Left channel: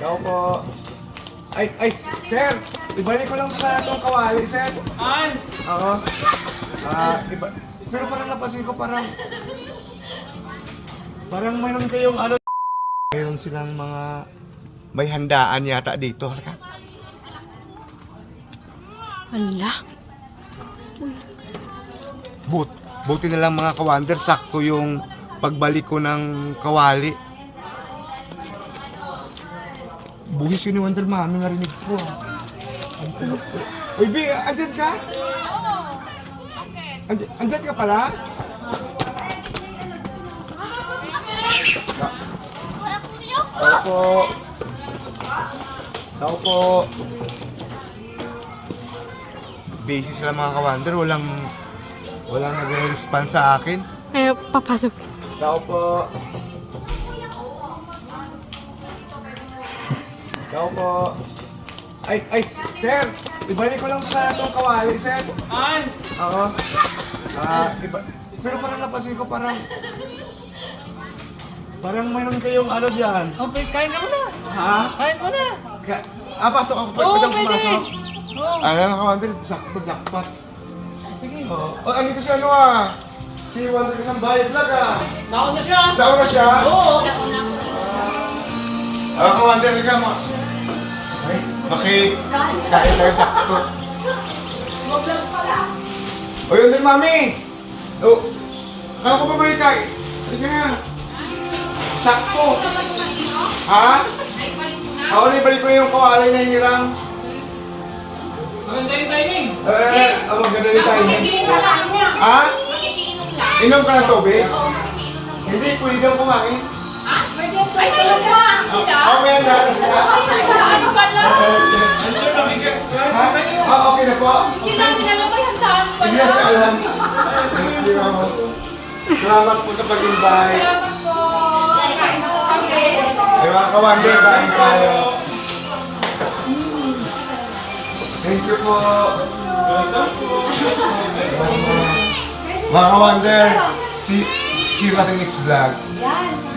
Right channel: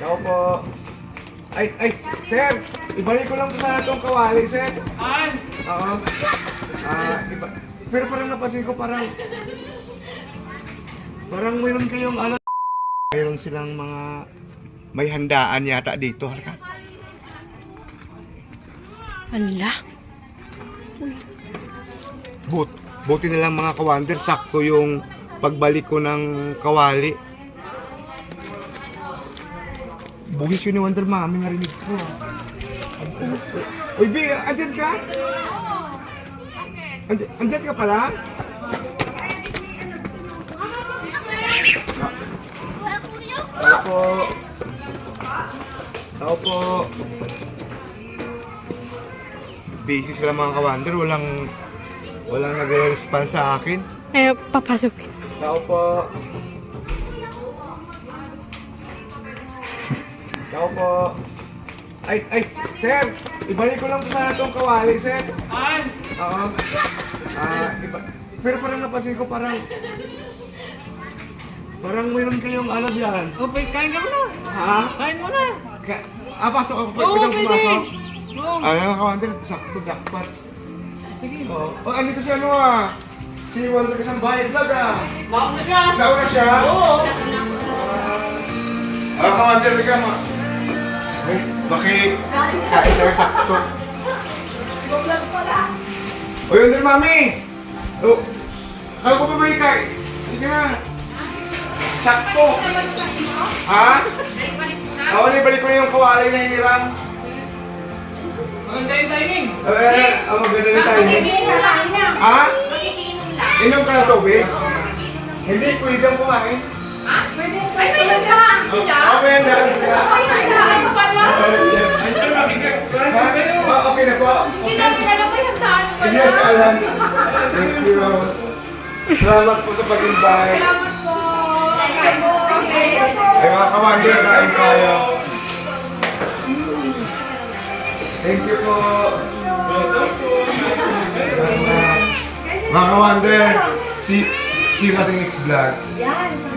Tao po. Ay, sir! Ibalik ko lang sana itong kawali, sir. Ay! Oo. Pero parang napansin ko, parang mayroon kayong ano. Mayroon silang mga may handaan yata dito. Halika. Ala. Buti na lang mga kawander, sakto yung pagbalik ko ng kawali. Bugis yun ni Wonder Mami, narinig ko. Uy, Bi, andyan ka? Andyan ka pala? Tao po. Tao po. Busy sila mga kawander, walang nagre-respond sa akin. Eh, papasok. Tao po. Tao po. Ay, sir! Ibalik ko lang sana itong kawali, sir. Ay! Oo. Pero parang napansin ko, parang mayroon kayong ano diyan. Okay, kain ka muna. Ha? Kain mo na. Pasok ako. Oo, Pwedeng pwede. pumasok. Oo. Mga kawander, jackpot. Sige. Andito si si Wonder Kasambahay Vlog Baon na siya. Nauna siya? Oo. Kawander, liga mo. Ay, kain tayo sakto. O yun din, Mami! Kala ko pa ba yung kain? Halika na. Sakto! Ha? Oo, ibalik ko na yung kawali na hirang. Maganda yung timing. Maganda yung timing. Ha? Magigiinom lang. Inom ka ng tubig? Oo. Hindi, pwede kang kumain. Ay, may handa sila. Okay na sila. Ay, may handaan pala. Ay, sir, nakikita. Ha? Okay na po. Hindi namin alam may handaan Hindi pala. na alam. Thank you. Salamat po sa pag-invite. Salamat po. Okay. Ay mga kawander, kain tayo. Thank you po. Mga kawander, see you natin next vlog. Yan.